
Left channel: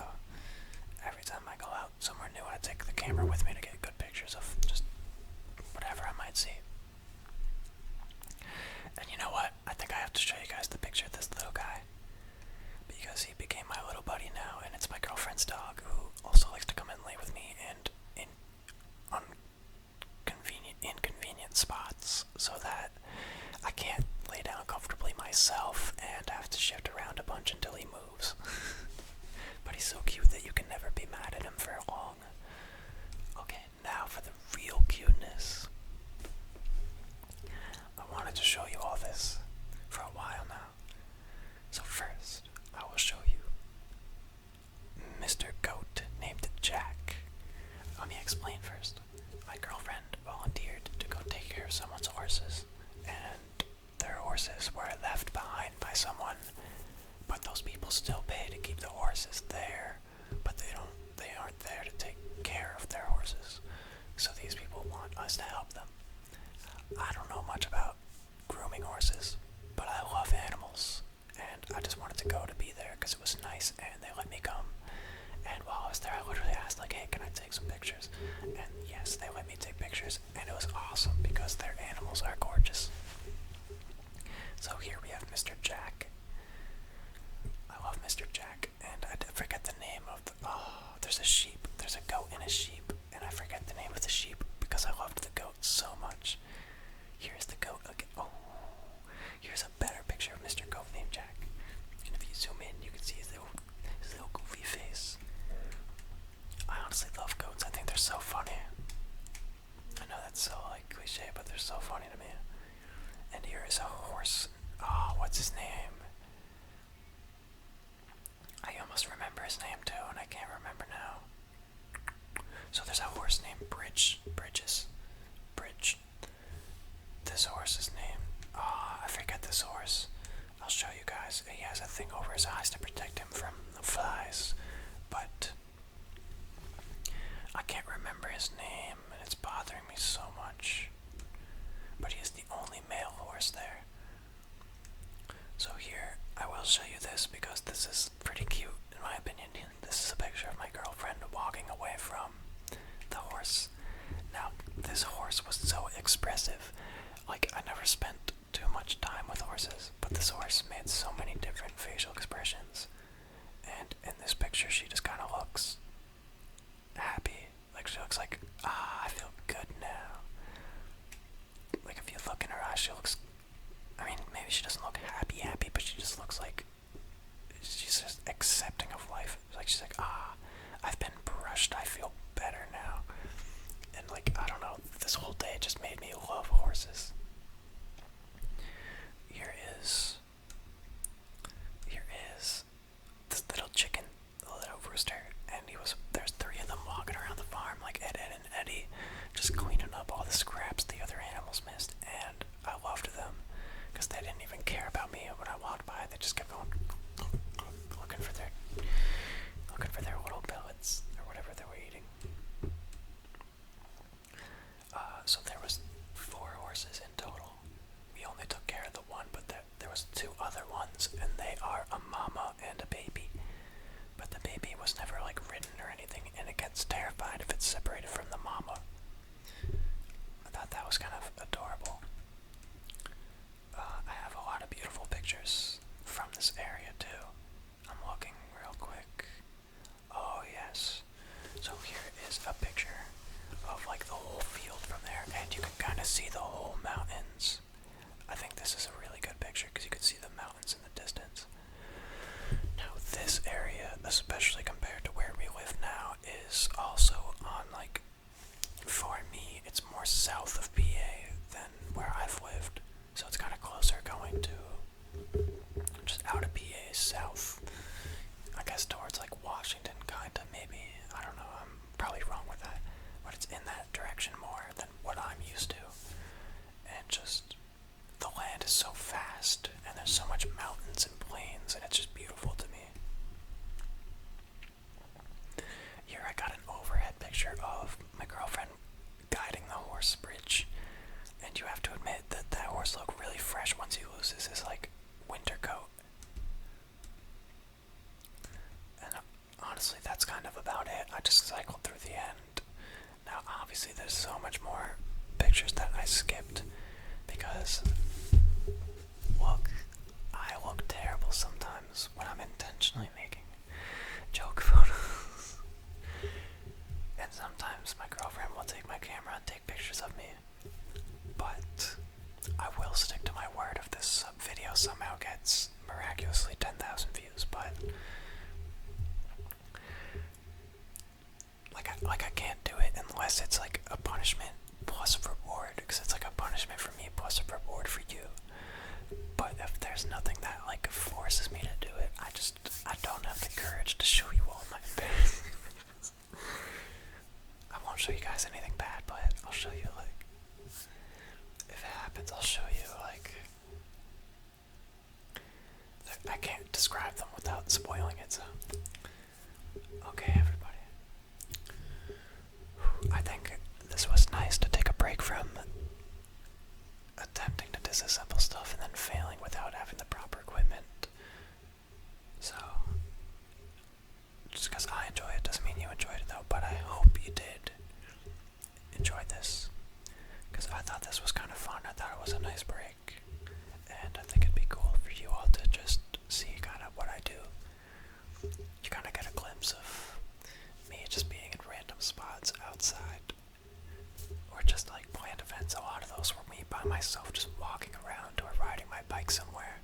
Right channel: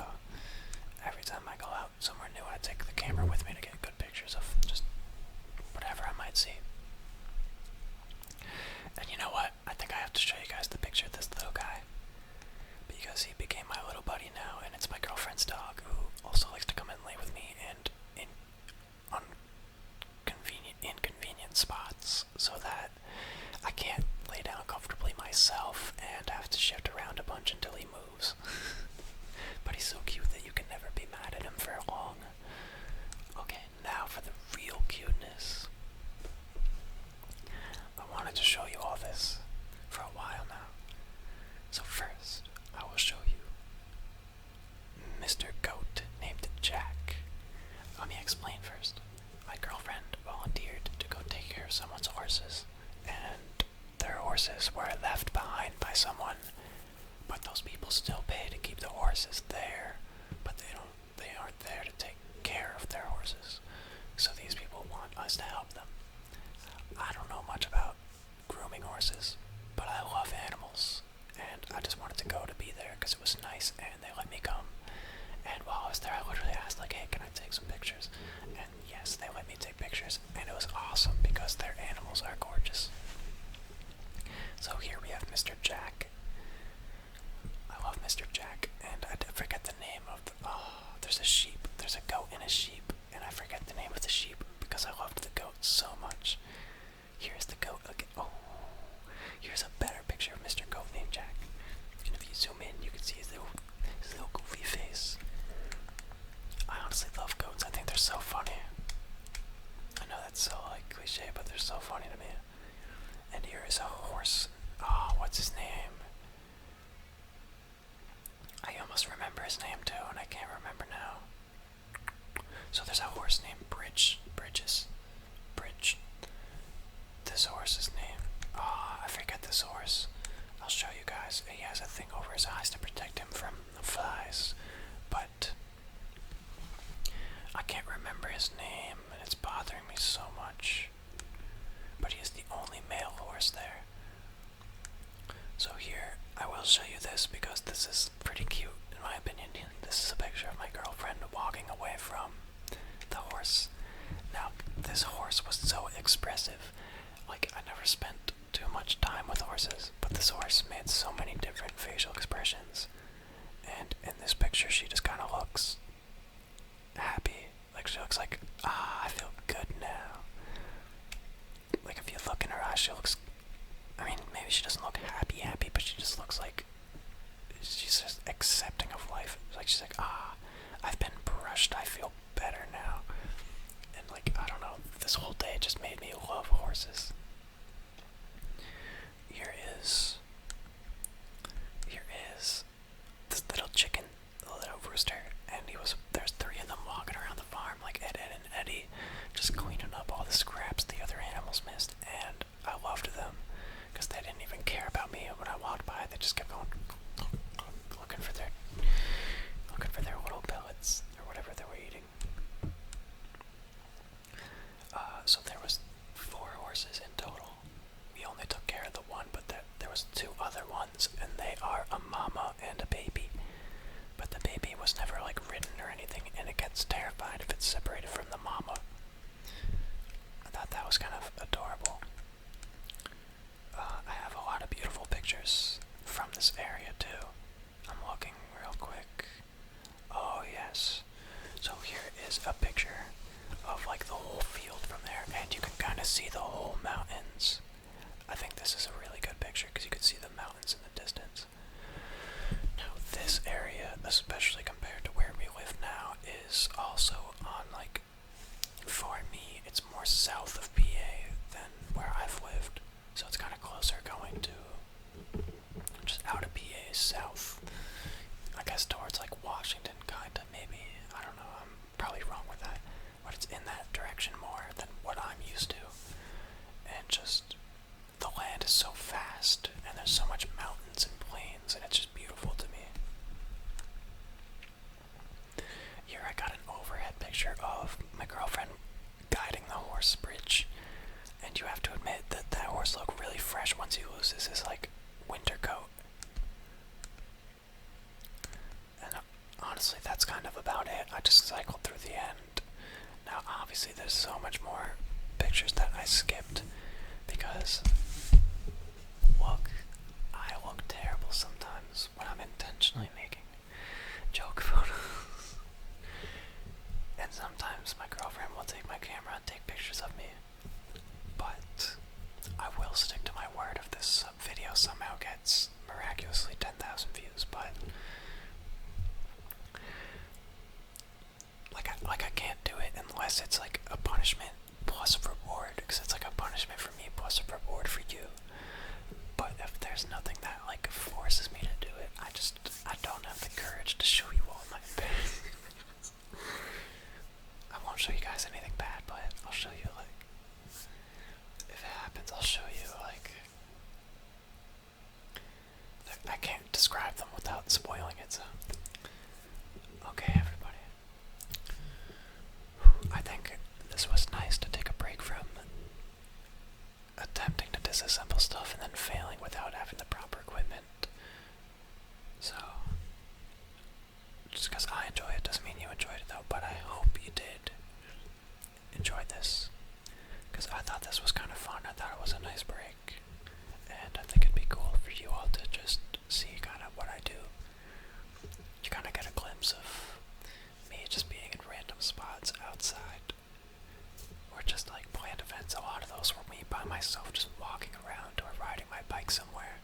every time I go out somewhere new, I take the camera with me to get good pictures of just whatever I might see. And you know what? I think I have to show you guys the picture of this little guy, because he became my little buddy now, and it's my girlfriend's dog, who also likes to come and lay with me and on inconvenient spots, so that I can't lay down comfortably myself and have to shift around a bunch until he moves. But he's so cute that you can never be mad at him for long. Okay, now for the real cuteness. I wanted to show you all this for a while now. So first, I will show you Mr. Goat named Jack. Let me explain first. My girlfriend volunteered to go take care of someone's horses, and their horses were left behind by someone, but those people still pay to keep the horses there, but they aren't there to take care of their horses. So these people want us to help them. I don't know much about grooming horses, but I love animals, and I just wanted to go to be there because it was nice, and they let me come. And while I was there, I literally asked, like, hey, can I take some pictures? And yes, they let me take pictures, and it was awesome because their animals are gorgeous. So here we have Mr. Jack. I love Mr. Jack, and I forget the name of the... Oh, there's a sheep. There's a goat and a sheep, and I forget the name of the sheep because I loved the goat so much. Here's the goat again. Oh, here's a better picture of Mr. Goat named Jack. And if you zoom in, you can see his little goofy face. I honestly love goats. I think they're so funny. I know that's so like cliche, but they're so funny to me. And here is a horse. Oh, what's his name? I almost remember his name too, and I can't remember now. So there's a horse named Bridge. This horse's name. Oh, I forget this horse. I'll show you guys. He has a thing over his eyes to protect him from the flies, but I can't remember his name, and it's bothering me so much. But he is the only male horse there. So here, I will show you this because this is pretty cute, in my opinion. This is a picture of my girlfriend walking away from the horse. Now, this horse was so expressive. Like, I never spent too much time with horses, but this horse made so many different facial expressions. And in this picture, she just kind of looks happy. Like, she looks like, I feel good now. Like, if you look in her eyes, she looks, I mean, maybe she doesn't look happy, but she just looks like she's just accepting of life. Like, she's like, I've been brushed, I feel better now. And, like, I don't know, this whole day just made me love horses. Here is this little chicken, the little rooster, and there's 3 of them walking around the farm, like Ed and Eddie, just cleaning up all the scraps the other animals missed, and I loved them, because they didn't even care about me when I walked by. They just kept going, looking for their little pellets, or whatever they were eating. So there was 4 horses in total. We only took care of the one, but there was to see the whole mountains. I think this is a really good picture because you can see the mountains in the distance. Now this area, especially compared to where we live now, is also on like, for me, it's more south of PA than where I've lived. So it's kind of closer going to just out of PA south. I guess towards like Washington, kinda, maybe. I don't know, I'm probably wrong with that. But it's in that direction more than what I'm used to. And just, the land is so vast, and there's so much mountains and plains, and it's just beautiful to me. Here I got an overhead picture of my girlfriend guiding the horse bridge. And you have to admit that that horse looked really fresh once he loses his like winter coat. And honestly, that's kind of about it. I just cycled through the end. Now obviously there's so much more pictures that I skipped because look, I look terrible sometimes when I'm intentionally making joke photos. And sometimes my girlfriend will take my camera and take pictures of me. But I will stick to my word if this video somehow gets miraculously 10,000 views, but like I can't do it unless it's like a punishment plus a reward, because it's like a punishment for me plus a reward for you. But if there's nothing that like forces me to do it, I don't have the courage to show you all my embarrassments. I won't show you guys anything bad, but I'll show you like, if it happens, I'll show you like, I can't describe them without spoiling it, so. Okay, everybody. I think this was nice to take a break from attempting to disassemble stuff and then failing without having the proper equipment. So, just because I enjoy it doesn't mean you enjoyed it though, but I hope you did enjoy this. Because I thought this was kind of fun. I thought it was a nice break. And I think it'd be cool for you all to just see kind of what I do. You kind of get a glimpse of me just being in random spots outside. Or just like planned events. A lot of those were me by myself just walking around or riding my bike somewhere.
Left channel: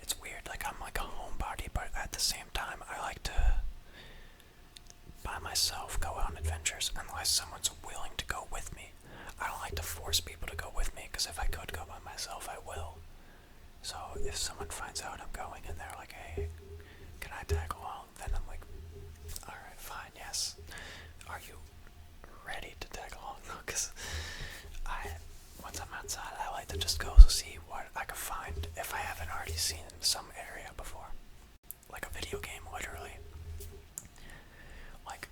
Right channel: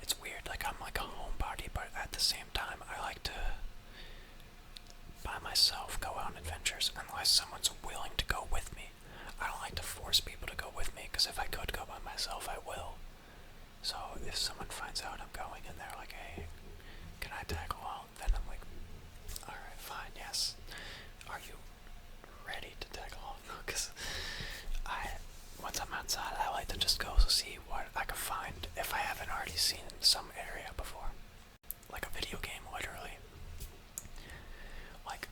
It's weird, like I'm like a homebody, but at the same time I like to by myself go on adventures unless someone's willing to go with me. I don't like to force people to go with me, because if I could go by myself, I will. So if someone finds out I'm going and they're like, hey, can I tag along? Then I'm like, alright, fine, yes. Are you ready to tag along? Because once I'm outside, I like to just go see what I can find if I haven't already seen some area before. Like a video game, literally. Like,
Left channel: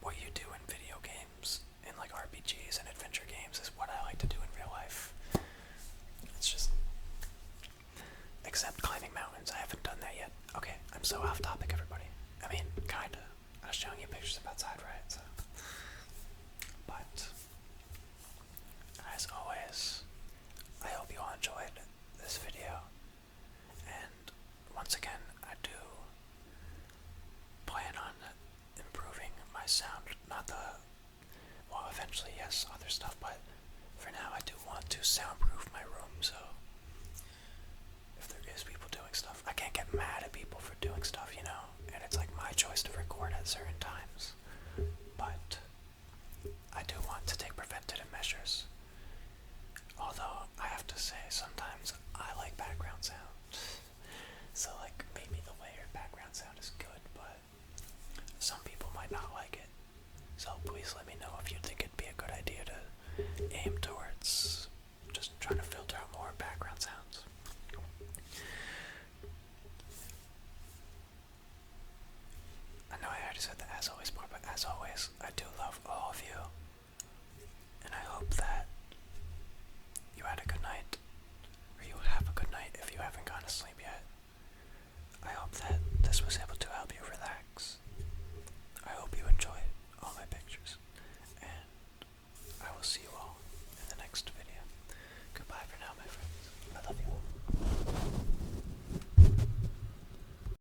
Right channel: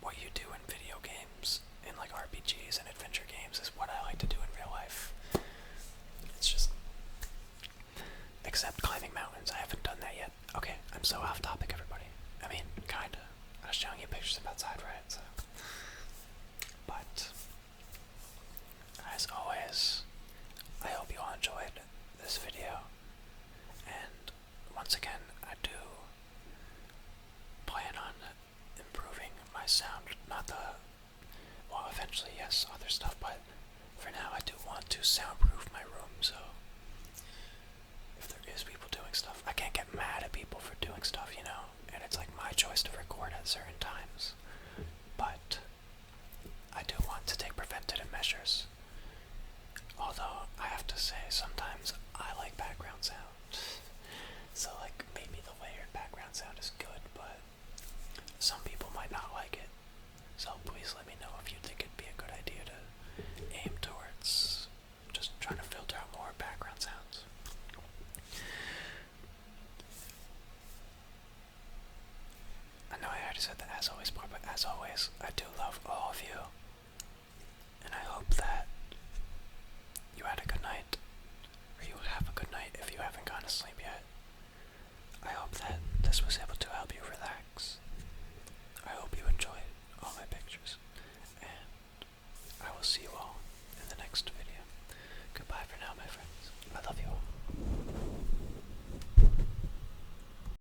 what you do in video games, in like RPGs and adventure games, is what I like to do in real life. It's just, except climbing mountains, I haven't done that yet. Okay, I'm so off topic, everybody. I mean, kinda. I was showing you pictures of outside, right? So, but, as always, I hope you all enjoyed this video. And, once again, I do plan on improving my sound, well, eventually, yes, other stuff, but for now I do want to soundproof my room, so if there is people doing stuff, I can't get mad at people for doing stuff, you know, and it's like my choice to record at certain times, but I do want to take preventative measures, although I have to say, sometimes I like background sound, so like, maybe the layered background sound is good, but some people might not like it. So please let me know if you think it'd be a good idea to aim towards just trying to filter out more background sounds. I know I already said the as always part, but as always, I do love all of you. And I hope that you had a good night, or you have a good night if you haven't gone to sleep yet. I hope that this was